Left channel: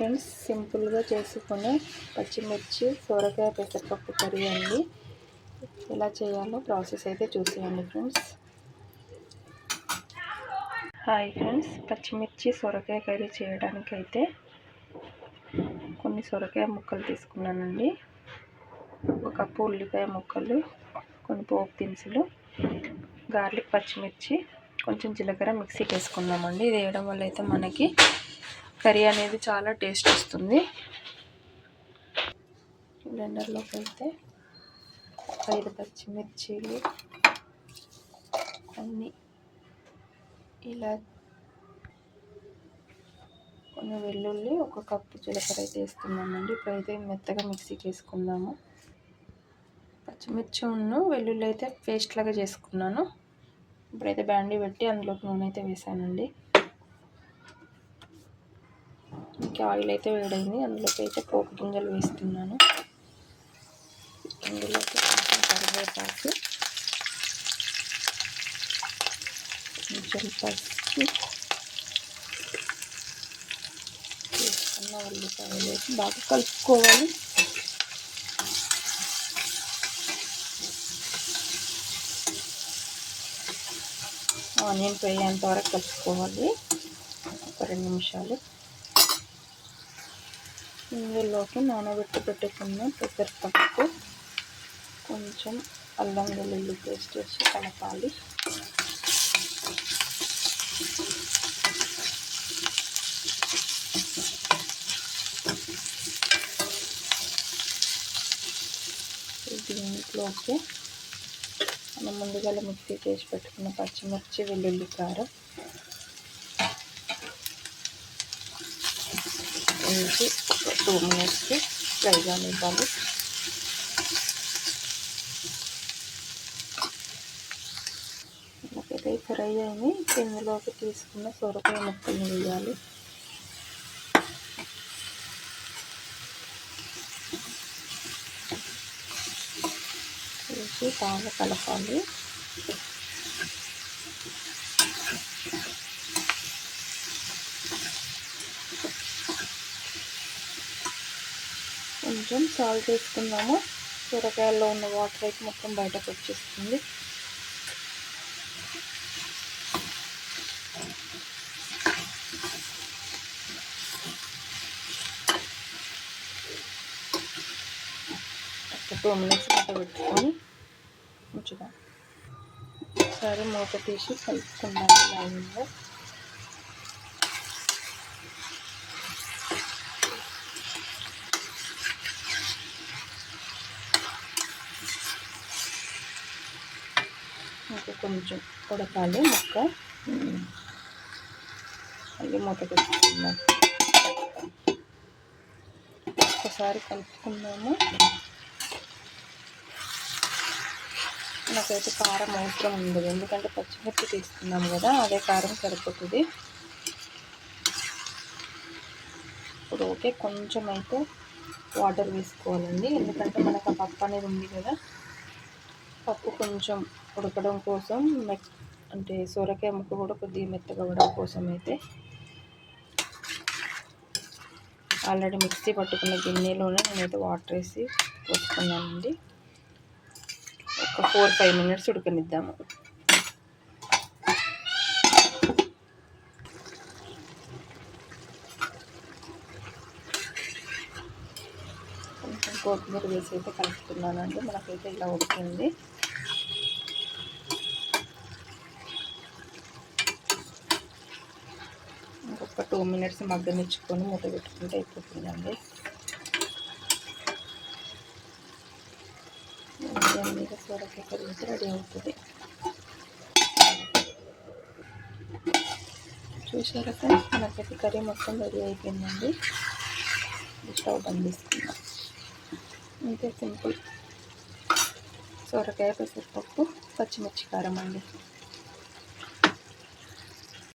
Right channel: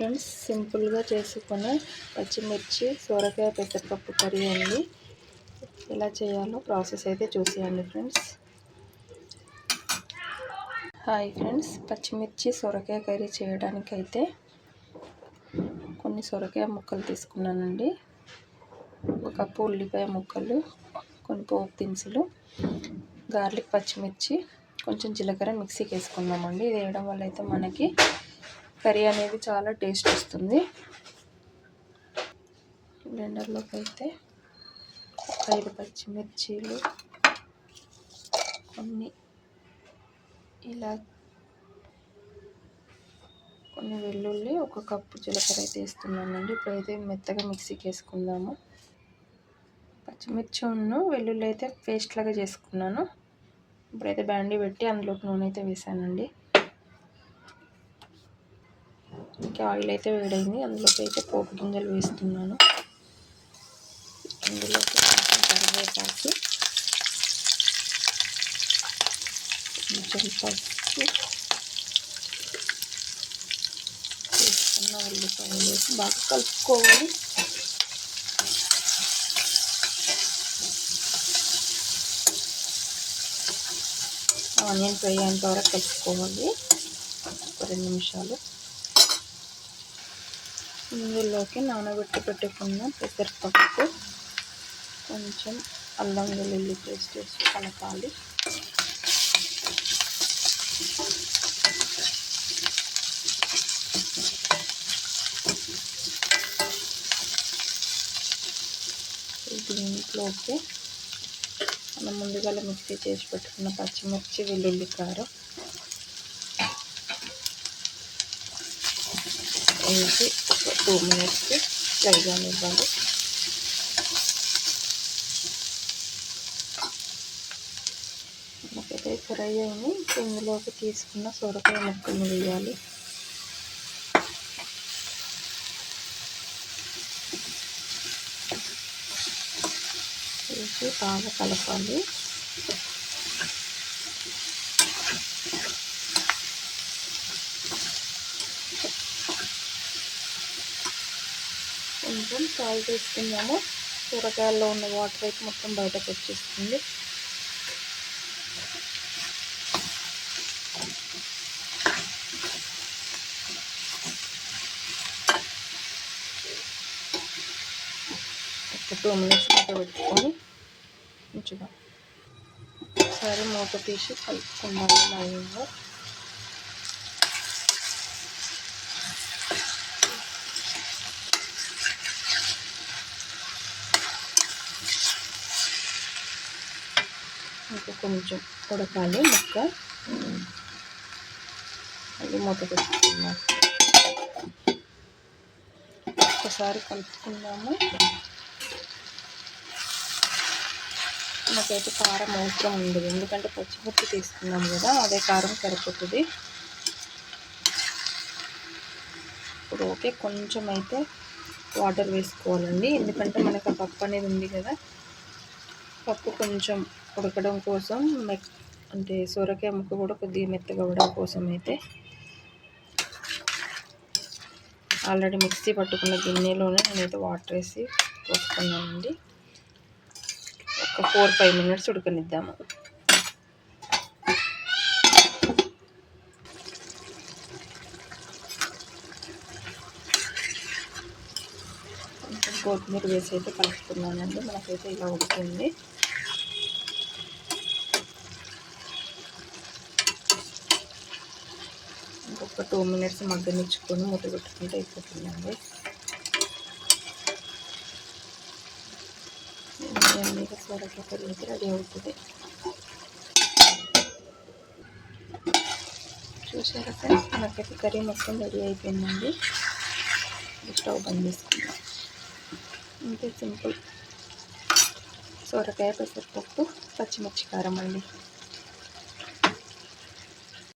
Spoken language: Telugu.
ఫ్రెండ్స్ సింపుల్గా చేసుకునే పచ్చిమిర్చి సోరకాయ పెసరపప్పు కర్రీ అండి. ఎలా చేయాలో ప్రాసెస్ అయితే చూసేయండి ఫ్రెండ్స్. హాయ్ ఫ్రెండ్స్ పచ్చిమిర్చి సొరకాయ కర్రీ చేయడానికి అయితే కొన్ని సొరకాయ ముక్కలు తీసుకున్నానండి. ఒక కప్పు ఉల్లిపాయ ముక్కలు కొన్ని పోపు దినుసులు గార్లిక్ పచ్చిమిర్చి కొంచెం జీలకర్ర మిక్సీకి వేసుకున్నామండి. ఇది వేయడం వల్ల అయితే మనకి కర్రీ అనేది చాలా టేస్ట్ వస్తుంది. బ్లెండర్లోకి అయితే ఐదు పచ్చిమిర్చీలు కొన్ని ఇలా కొన్ని వెల్లుల్లి ఒక కప్పు జీలకర్ర అయితే వేస్తున్నానండి. ఇప్పుడైతే మెత్తగా మిక్సీకి వేసుకుందాము. పచ్చిమిర్చి ఉన్న వెల్లుల్లి అయితే పేస్ట్ లాగా చేసుకున్నాను. ఇప్పుడైతే బ్యాండీ పెట్టి అందులోకి నూనె అయితే వేసానండి. ఇంకా ఆయిల్ అయితే వేడైంది. అందులోకి అయితే పోపు గింజలు వేస్తున్నాను. అందులోకి కొంచెం కరివేపాకు కొంచెం పసుపు వేసుకున్న ఉల్లిపాయలు వేసి బాగా కలుపుకోవాలి. ఆనియన్ ఫ్రై అయ్యేంత వరకు కలుపుకోవాలి. ఒక రెండు నిమిషాలు. ఇందులోకి నానబెట్టి పెట్టుకున్న పెసరపప్పు కొంచెం అల్లం వెల్లుల్లి పేస్ట్ వేసి కలపాలి. దీంట్లోకి మనం ముందుగా మిక్సీ చేసి పెట్టుకున్న పచ్చిమిర్చి వెల్లుల్లి కారం వేసి ఒక టూ మినిట్స్కి ఫ్రైగా ఇవ్వాలి మనకైతే ఫ్రై అయ్యి ఇందులోకి తీసుకున్న సొరకాయ ముక్కలు వేయాలి. వేసి బాగా కలపాలి. కొంచెం సాల్ట్ వేసుకుందాము. కూరగాయల్లో ఉన్న వాటర్ అయితే మొత్తం బయటకు వచ్చేస్తుంది. ఒక టూ మినిట్స్ మూత పెట్టుకొని ఉంచుదాం ఒకసారి మూత తీసి కలుపుకుందాం లైన్లో. ఇంకా కొంచెం ఉడకాలి ముక్క. అది మూత పెట్టుకుందాం. ఒకసారి కలుపుకుందాము. నాకైతే కారం అవసరం ఉండదు ఎందుకంటే పచ్చిమిర్చి తీసుకున్నాం కదా అదే కారం సరిపోతుంది. ఇప్పుడు ఓకే కొంచెం అయితే వాటర్ వేసుకోవాలండి. ఎందుకంటే మనకు ఆ పప్పు అనేది ఉంది కదా. పప్పు కొంచెం ఉడకడం కోసం మెక్ అంటే సొరకాయ ముక్క కూడా కొద్దిగా మెత్తగా అవ్వడం కోసం అయితే ఆల్రెడీ మిక్సీ పట్టుకున్న గిన్నెలోనే నేనైతే వాటర్ వేసి పోసుకున్నానండి. ఒక ఫోర్ ఫైవ్ మినిట్స్ ఉడకనిద్దాము కొంచెం కొత్తిమీర వేసి అయితే కలుపుతున్నానండి. మనకైతే ఇలా ఉడికింది. ఇంకొక టూ మినిట్స్ మగ్గనిచ్చుకొని మూత పెట్టుకుంటే అయిపోతుందండి. ఎమ్మెగా సోరకాయ కర్రీ అయితే రెడీ అవుతుంది. చూసారా ఫ్రెండ్స్? మనకైతే కర్రీ మొత్తం రెడీ అయిపోయిందండి. స్టవ్ బంద్ చేసుకుందాం. అంతే సింపుల్. సొరకాయ పెసరపప్పు పచ్చిమిర్చి కారం అండి.